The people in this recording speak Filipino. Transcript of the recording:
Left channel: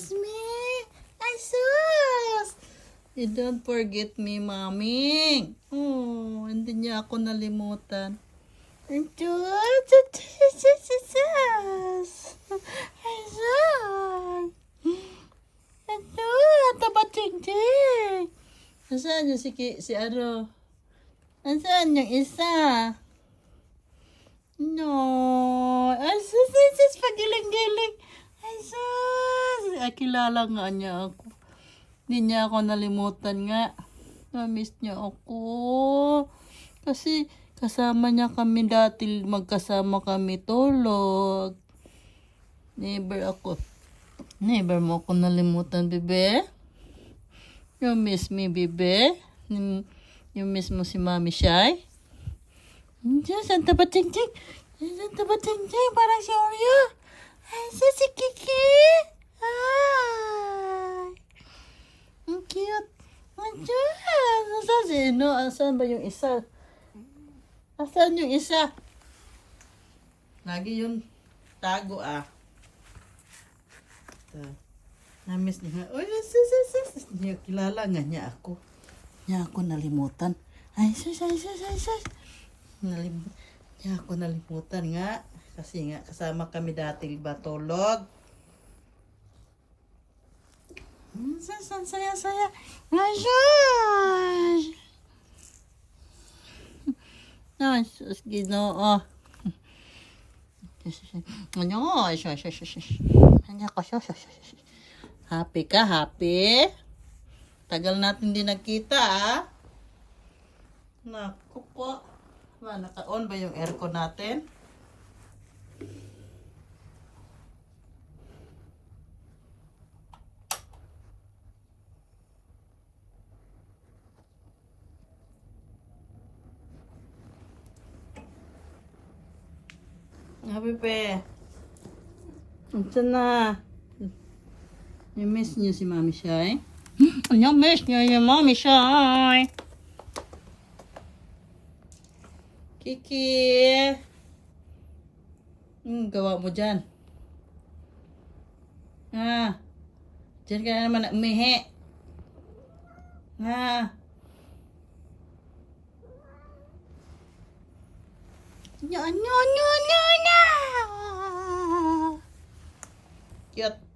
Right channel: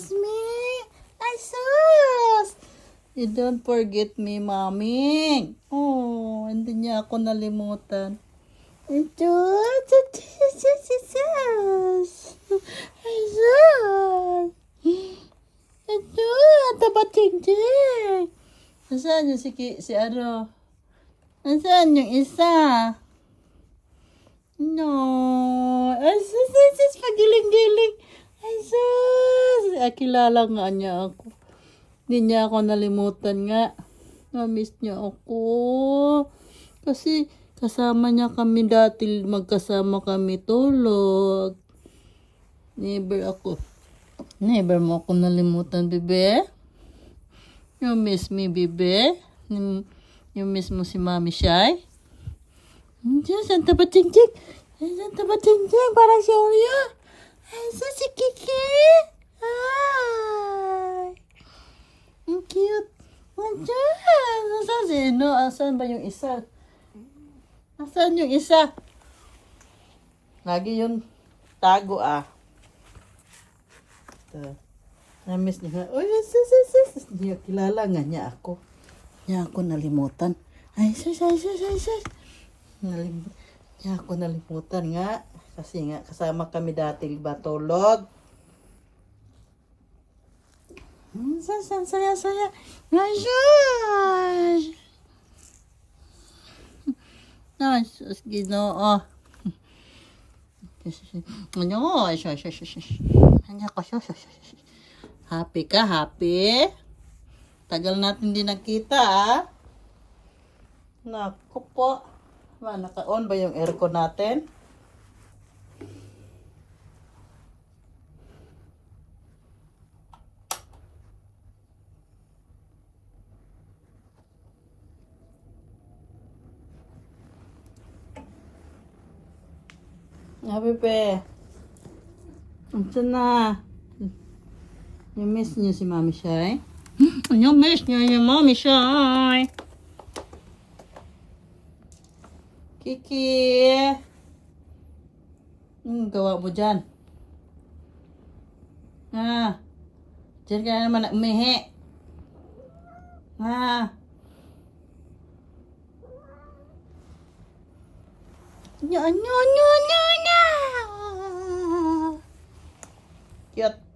miss me? Ay, sus! You don't forget me, Mami. Oh, hindi niya ako nalimutan. Ay, sus! Ay, sus! Ito, tabating-ting. Nasaan yung si ano? Nasaan yung isa? No. Ay, sus, pagiling-giling. Ay, sus. Kilala nga niya ako. Hindi niya ako nalimutan nga. Na-miss niya ako. Kasi kasama niya kami dati. Magkasama kami tulog. Never mo ako nalimutan, bebe. You miss me, bebe. You miss mo si Mami Shy. Diyan, Santa Batingjing. Santa Batingjing, parang si Oreo. Ay, si Kiki. Ay. Ang cute. Diyan. Nasaan si Ino? Asan ba yung isa? Asan yung isa? Lagi yung tago Na-miss niya. Oh, sus. Niya kilala nga niya ako. Niya ako nalimutan. Ay, sus. Niya ako nalimutan nga. Kasi nga, kasama kami dati batulog. Saya. Ay, sus. Ay, sus, Ginoo. Happy ka, happy? Tagal natin din nagkita, Naku po. Naka-on ba yung aircon natin? Pepe. Unsa na? You miss niyo si Mami Shy? You miss niyo si Mami Shy? Kiki. Gawa mo dyan. Diyan ka na naman na umihi. No. Cute.